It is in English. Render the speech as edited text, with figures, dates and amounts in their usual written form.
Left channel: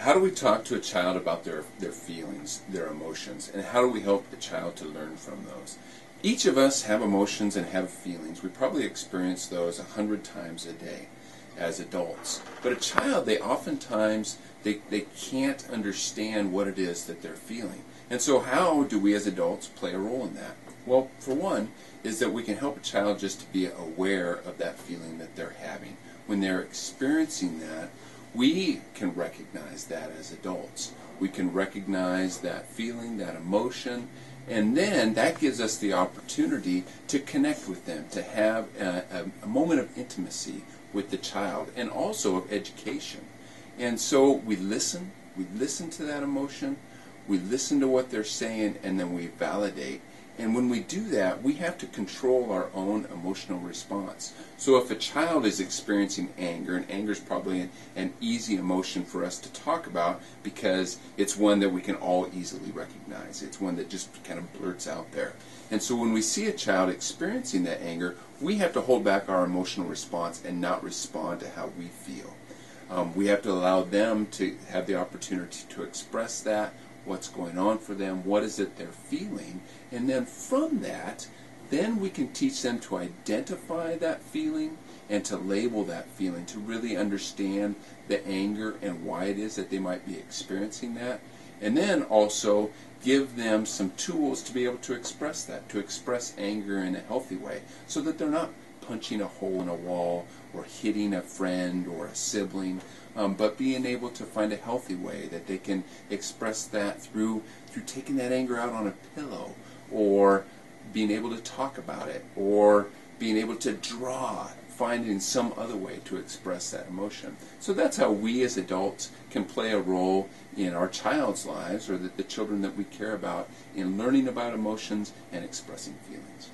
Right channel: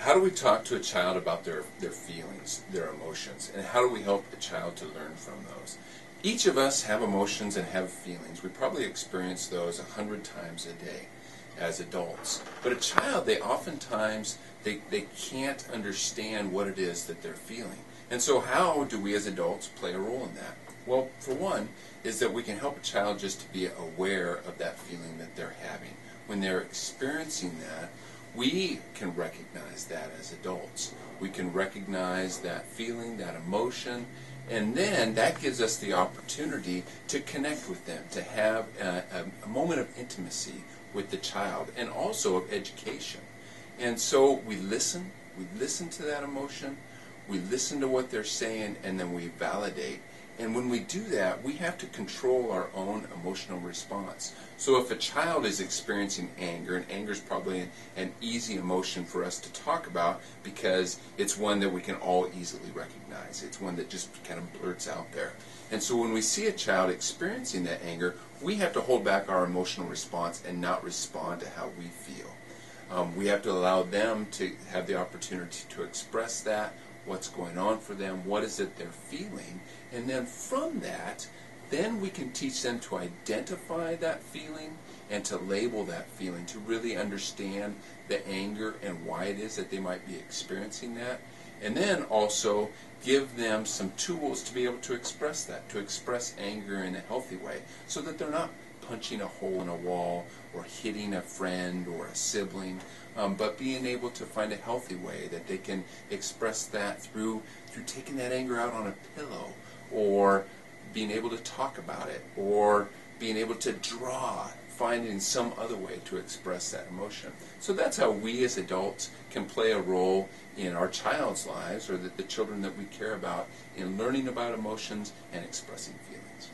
how do we talk to a child about their feelings, their emotions, and how do we help the child to learn from those? Each of us have emotions and have feelings. We probably experience those 100 times a day as adults. But a child, they oftentimes, they can't understand what it is that they're feeling. And so how do we as adults play a role in that? Well, for one, is that we can help a child just to be aware of that feeling that they're having. When they're experiencing that, we can recognize that as adults. We can recognize that feeling, that emotion, and then that gives us the opportunity to connect with them, to have a moment of intimacy with the child, and also of education. And so we listen to that emotion, we listen to what they're saying, and then we validate. And when we do that, we have to control our own emotional response. So if a child is experiencing anger, and anger is probably an easy emotion for us to talk about because it's one that we can all easily recognize. It's one that just kind of blurts out there. And so when we see a child experiencing that anger, we have to hold back our emotional response and not respond to how we feel. We have to allow them to have the opportunity to express that, what's going on for them, what is it they're feeling, and then from that, then we can teach them to identify that feeling and to label that feeling, to really understand the anger and why it is that they might be experiencing that, and then also give them some tools to be able to express that, to express anger in a healthy way, so that they're not punching a hole in a wall or hitting a friend or a sibling, but being able to find a healthy way that they can express that through taking that anger out on a pillow, or being able to talk about it, or being able to draw, finding some other way to express that emotion. So that's how we as adults can play a role in our child's lives, or the children that we care about, in learning about emotions and expressing feelings.